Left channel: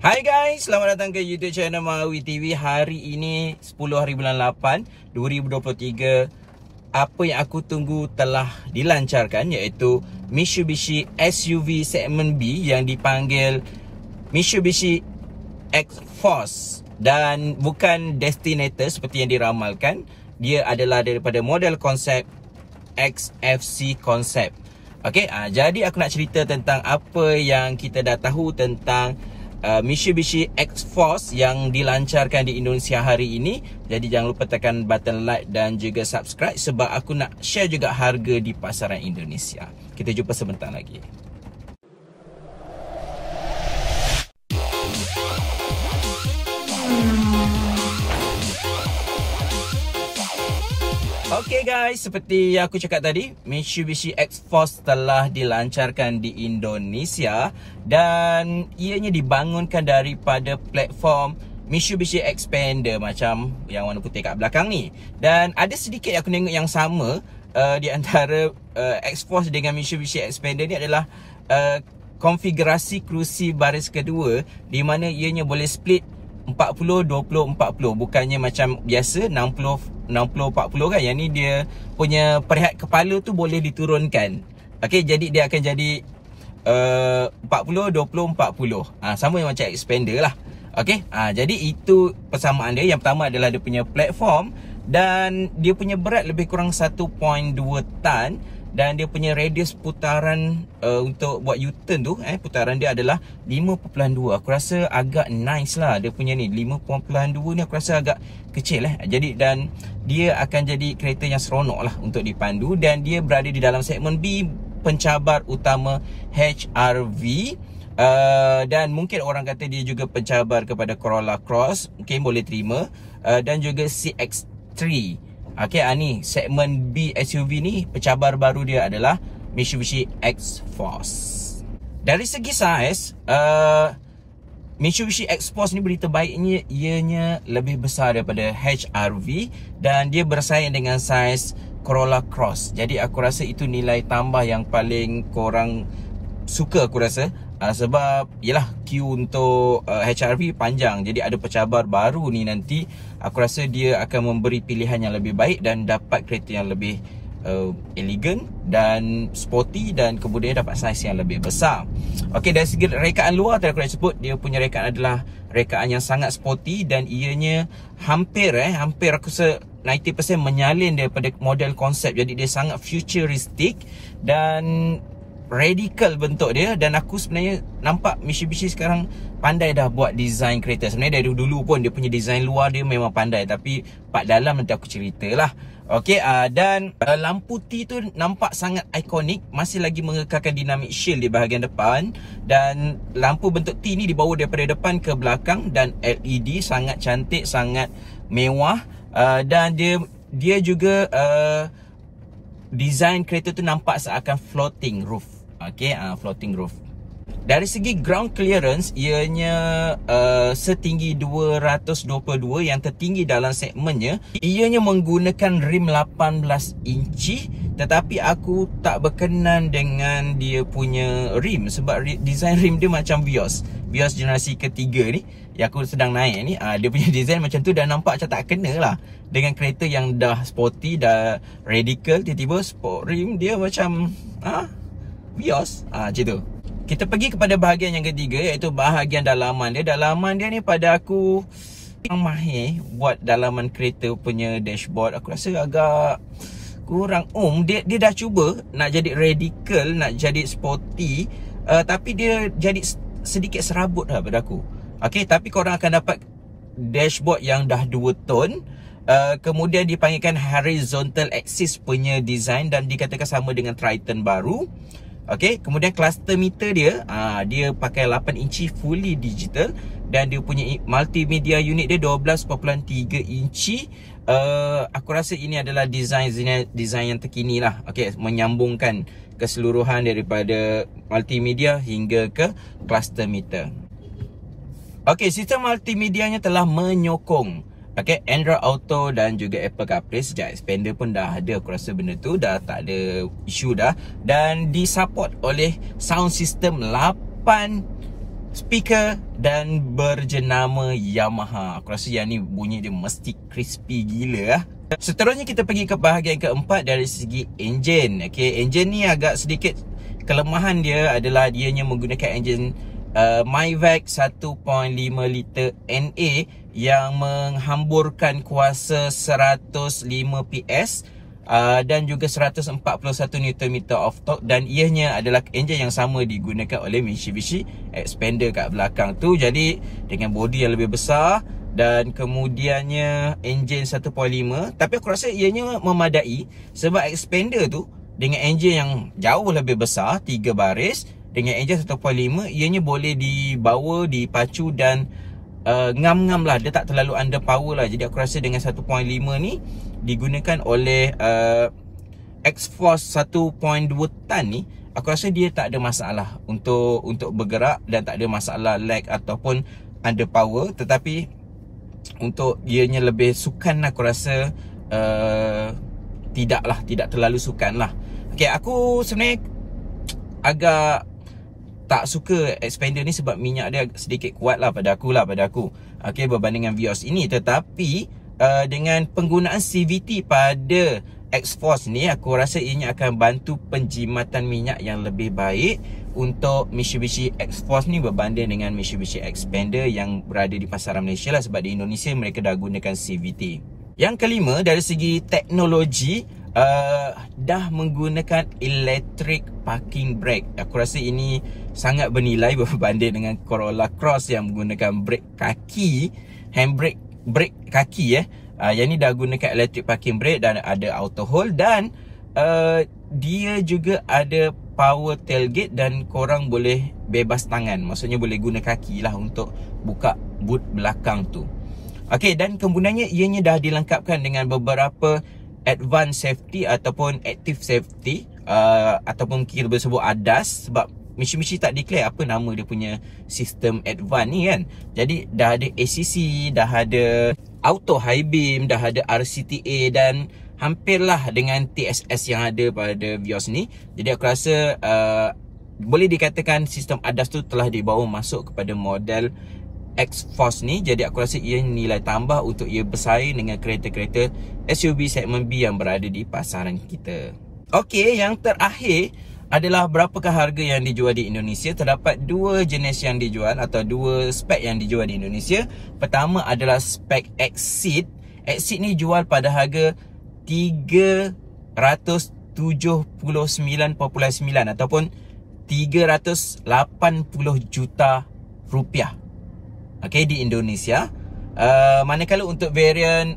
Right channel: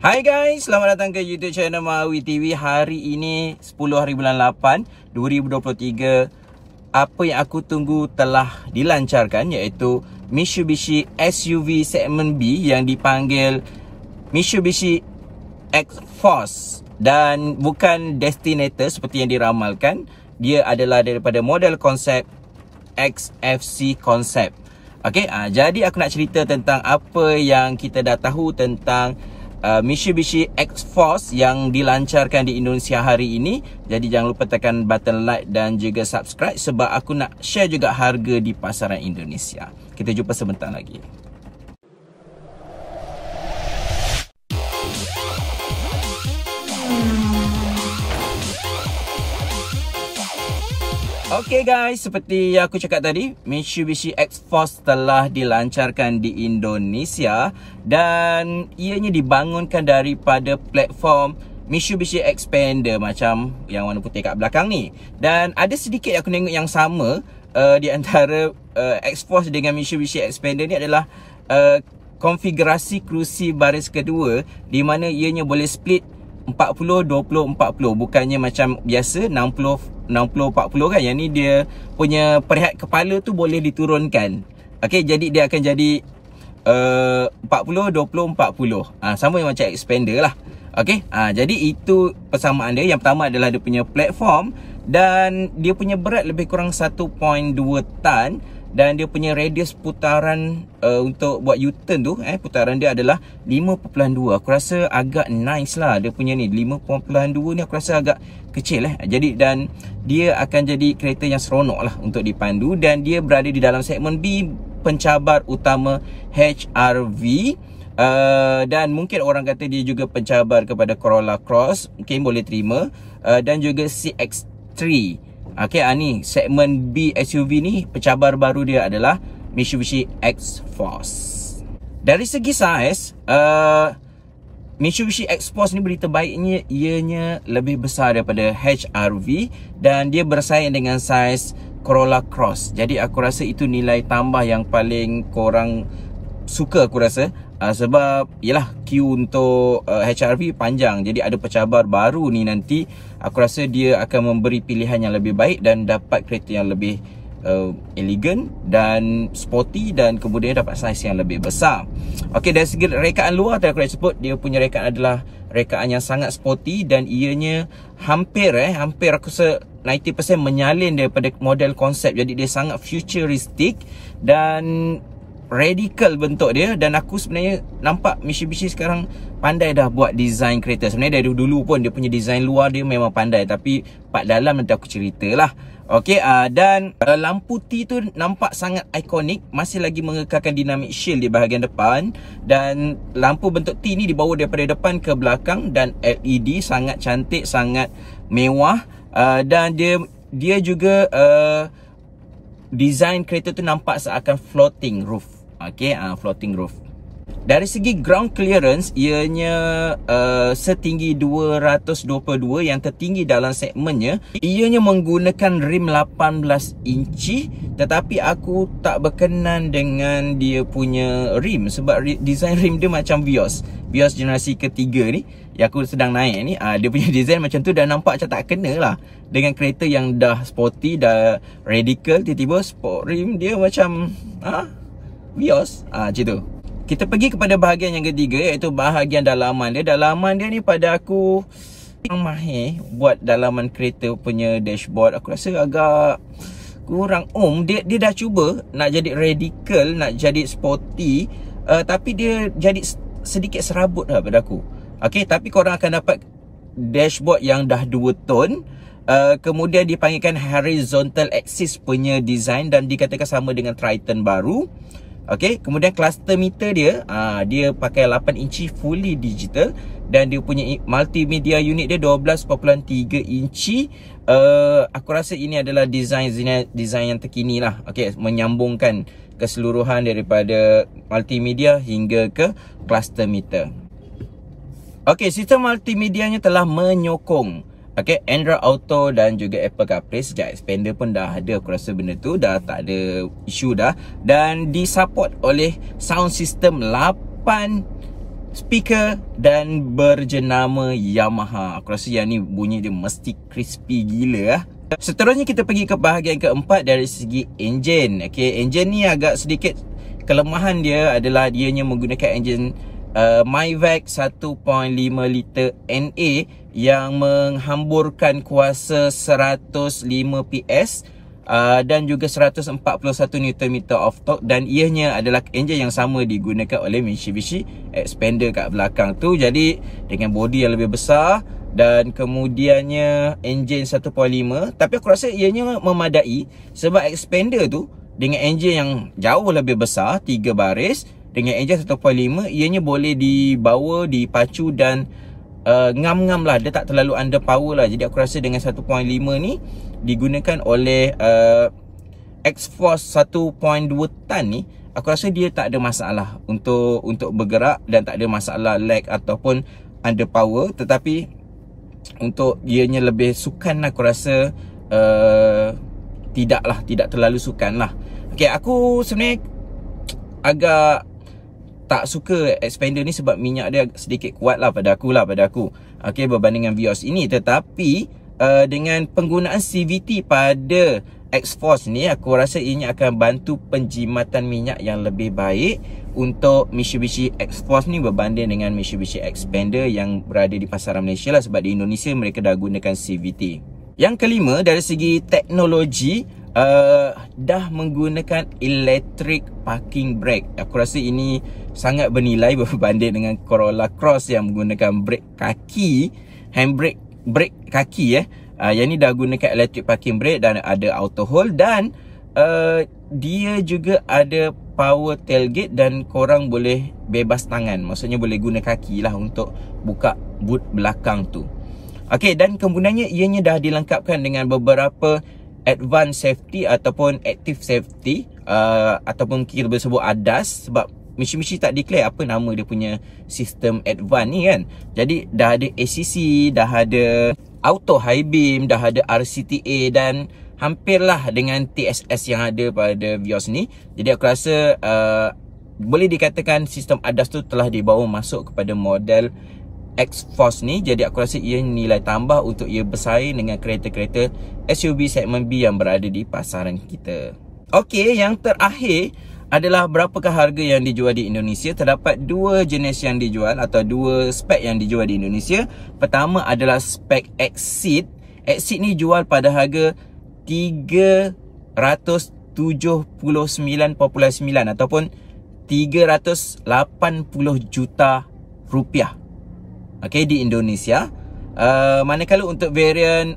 Hai guys, selamat datang ke YouTube channel Mawi TV. Hari ini 10 hari bulan 8 2023. Apa yang aku tunggu telah dilancarkan, iaitu Mitsubishi SUV segmen B yang dipanggil Mitsubishi X-Force. Dan bukan Destinator seperti yang diramalkan. Dia adalah daripada model konsep XFC konsep. Jadi aku nak cerita tentang apa yang kita dah tahu tentang Mitsubishi X-Force yang dilancarkan di Indonesia hari ini. Jadi jangan lupa tekan button like dan juga subscribe, sebab aku nak share juga harga di pasaran Indonesia. Kita jumpa sebentar lagi. Okay guys, seperti yang aku cakap tadi, Mitsubishi X-Force telah dilancarkan di Indonesia dan ianya dibangunkan daripada platform Mitsubishi Xpander macam yang warna putih kat belakang ni. Dan ada sedikit aku tengok yang sama di antara X-Force dengan Mitsubishi Xpander ni adalah konfigurasi kerusi baris kedua, di mana ianya boleh split 40, 20, 40. Bukannya macam biasa 60, 40 kan. Yang ni dia punya perihat kepala tu boleh diturunkan. Jadi dia akan jadi 40, 20, 40. Sama macam Xpander lah. Jadi itu persamaan dia. Yang pertama adalah dia punya platform, dan dia punya berat lebih kurang 1.2 tan. Dan dia punya radius putaran untuk buat U-turn tu, putaran dia adalah 5.2. Aku rasa agak nice lah dia punya ni. 5.2 ni aku rasa agak kecil Jadi, dan dia akan jadi kereta yang seronok lah untuk dipandu. Dan dia berada di dalam segmen B, pencabar utama HR-V. Dan mungkin orang kata dia juga pencabar kepada Corolla Cross, mungkin boleh terima. Dan juga CX-3. Ni segmen B SUV ni, pencabar baru dia adalah Mitsubishi X-Force. Dari segi saiz, Mitsubishi X-Force ni berita baiknya ianya lebih besar daripada HR-V, dan dia bersaing dengan saiz Corolla Cross. Jadi aku rasa itu nilai tambah yang paling korang suka, aku rasa. Sebab yalah, queue untuk HR-V panjang. Jadi ada pencabar baru ni nanti, aku rasa dia akan memberi pilihan yang lebih baik dan dapat kereta yang lebih elegan dan sporty, dan kemudian dapat saiz yang lebih besar. Dari segi rekaan luar tadi aku dah sebut, dia punya rekaan adalah rekaan yang sangat sporty, dan ianya hampir aku rasa 90% menyalin daripada model konsep. Jadi dia sangat futuristic dan radical bentuk dia. Dan aku sebenarnya nampak Mitsubishi sekarang pandai dah buat design kereta. Sebenarnya dari dulu pun dia punya design luar dia memang pandai, tapi part dalam nanti aku ceritalah. Dan lampu T tu nampak sangat ikonik, masih lagi mengekalkan dynamic shield di bahagian depan. Dan lampu bentuk T ni dibawa daripada depan ke belakang, dan LED sangat cantik, sangat mewah. Dan dia juga design kereta tu nampak seakan floating roof. Floating roof. Dari segi ground clearance, ianya setinggi 222, yang tertinggi dalam segmennya. Ianya menggunakan rim 18 inci, tetapi aku tak berkenan dengan dia punya rim, sebab design rim dia macam Vios generasi ketiga ni yang aku sedang naik ni. Dia punya design macam tu, dan nampak macam tak kena lah dengan kereta yang dah sporty, dah radical. Tiba-tiba sport rim dia macam Vios, macam tu. Kita pergi kepada bahagian yang ketiga, iaitu bahagian dalaman dia. Dalaman dia ni pada aku mahir buat dalaman kereta punya dashboard. Aku rasa agak kurang Dia dah cuba nak jadi radical, nak jadi sporty, tapi dia jadi sedikit serabut lah pada aku. Tapi korang akan dapat dashboard yang dah 2 tone. Kemudian dipanggilkan horizontal axis punya design, dan dikatakan sama dengan Triton baru. Kemudian cluster meter dia, dia pakai 8 inci fully digital, dan dia punya multimedia unit dia 12.3 inci. Aku rasa ini adalah design yang terkini lah. Menyambungkan keseluruhan daripada multimedia hingga ke cluster meter. Sistem multimedianya telah menyokong Android Auto dan juga Apple CarPlay. Sejak Xpander pun dah ada, aku rasa benda tu dah tak ada isu dah. Dan disupport oleh sound system 8 speaker dan berjenama Yamaha. Aku rasa yang ni bunyi dia mesti crispy gila lah. Seterusnya kita pergi ke bahagian keempat dari segi enjin. Okay, enjin ni agak sedikit kelemahan dia adalah dianya menggunakan enjin Mavic 1.5 liter NA yang menghamburkan kuasa 105 PS dan juga 141 Nm of torque, dan ianya adalah enjin yang sama digunakan oleh Mitsubishi Xpander kat belakang tu. Jadi dengan bodi yang lebih besar dan kemudiannya enjin 1.5, tapi aku rasa ianya memadai sebab Xpander tu dengan enjin yang jauh lebih besar 3 baris dengan enjin 1.5, ianya boleh dibawa, dipacu dan ngam-ngam lah. Dia tak terlalu under power lah. Jadi aku rasa dengan 1.5 ni digunakan oleh X-Force 1.2 tan ni, aku rasa dia tak ada masalah untuk bergerak dan tak ada masalah lag ataupun under power. Tetapi untuk ianya lebih sukan, aku rasa tidak terlalu sukan lah. Okay, aku sebenarnya agak tak suka Xpander ni sebab minyak dia sedikit kuat lah pada aku. Okay, berbanding dengan Vios ini. Tetapi dengan penggunaan CVT pada X-Force ni, aku rasa ianya akan bantu penjimatan minyak yang lebih baik untuk Mitsubishi X-Force ni berbanding dengan Mitsubishi Xpander yang berada di pasaran Malaysia lah, sebab di Indonesia mereka dah gunakan CVT. Yang kelima, dari segi teknologi, dah menggunakan electric parking brake. Aku rasa ini sangat bernilai berbanding dengan Corolla Cross yang menggunakan brake kaki, handbrake, brake kaki. Yang ni dah gunakan electric parking brake dan ada auto hold, dan dia juga ada power tailgate dan korang boleh bebas tangan. Maksudnya boleh guna kaki lah untuk buka boot belakang tu. Okey, dan kemudiannya ianya dah dilengkapkan dengan beberapa advanced safety ataupun active safety, ataupun kita boleh sebut ADAS, sebab Mitsubishi tak declare apa nama dia punya sistem advance ni kan. Jadi dah ada ACC, dah ada auto high beam, dah ada RCTA dan hampirlah dengan TSS yang ada pada Vios ni. Jadi aku rasa boleh dikatakan sistem ADAS tu telah dibawa masuk kepada model X-Force ni. Jadi aku rasa ia nilai tambah untuk ia bersaing dengan kereta-kereta SUV segmen B yang berada di pasaran kita. Okey, yang terakhir adalah berapakah harga yang dijual di Indonesia. Terdapat dua jenis yang dijual atau dua spek yang dijual di Indonesia. Pertama adalah spek Exceed. Exceed ni jual pada harga 379.9 ataupun 380 juta rupiah. Okey, di Indonesia. Manakala untuk varian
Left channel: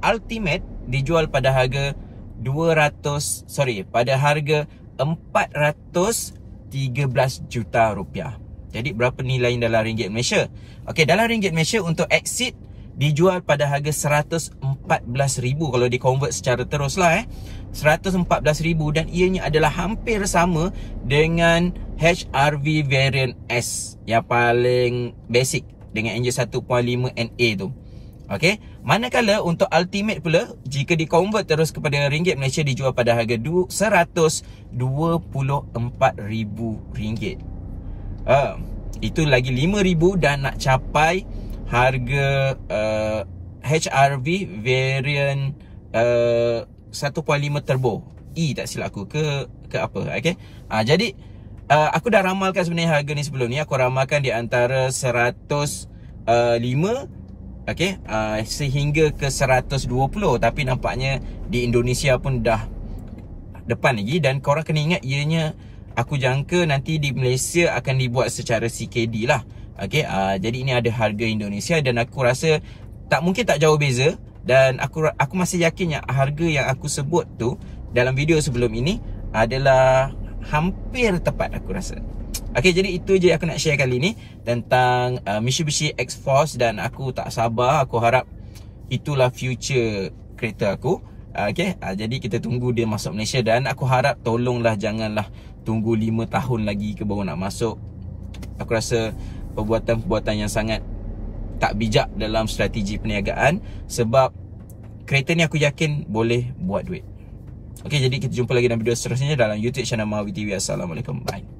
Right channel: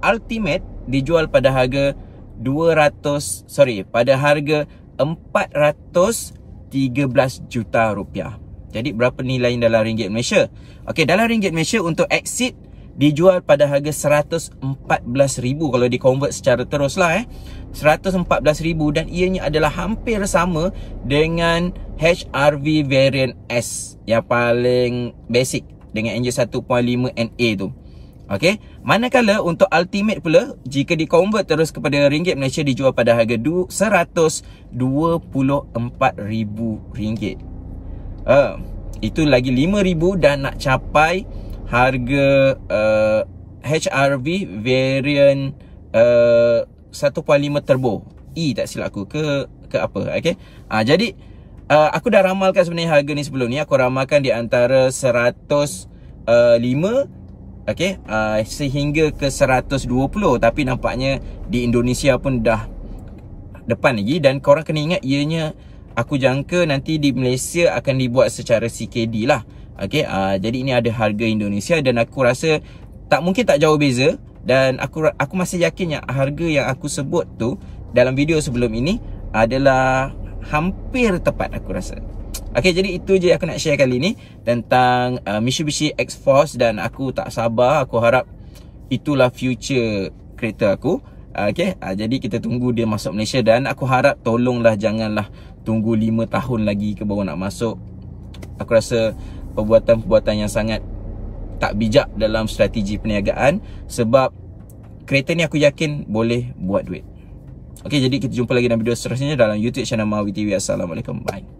Ultimate dijual pada harga 413 juta rupiah. Jadi berapa nilai dalam ringgit Malaysia? Okey, dalam ringgit Malaysia untuk Exceed dijual pada harga 114,000 kalau di-convert secara terus lah 114,000, dan ianya adalah hampir sama dengan HR-V variant S yang paling basic dengan enjin 1.5 NA tu. Okey, manakala untuk Ultimate pula, jika di-convert terus kepada ringgit Malaysia, dijual pada harga RM124,000. Itu lagi RM5,000 dan nak capai harga HR-V variant 1.5 turbo E, tak silap aku, ke apa. Okey, jadi aku dah ramalkan sebenarnya harga ni sebelum ni. Aku ramalkan di antara 105 sehingga ke 120, tapi nampaknya di Indonesia pun dah depan lagi. Dan korang kena ingat, ianya aku jangka nanti di Malaysia akan dibuat secara CKD lah. Okey, jadi ini ada harga Indonesia dan aku rasa mungkin tak jauh beza. Dan aku masih yakin yang harga yang aku sebut tu dalam video sebelum ini adalah hampir tepat, aku rasa. Okey, jadi itu je aku nak share kali ni tentang Mitsubishi X-Force, dan aku tak sabar. Aku harap itulah future kereta aku. Okey, jadi kita tunggu dia masuk Malaysia, dan aku harap tolonglah janganlah tunggu 5 tahun lagi ke baru nak masuk. Aku rasa perbuatan-perbuatan yang sangat tak bijak dalam strategi perniagaan, sebab kereta ni aku yakin boleh buat duit. Okey, jadi kita jumpa lagi dalam video seterusnya dalam YouTube channel Mahawi TV. Assalamualaikum, bye.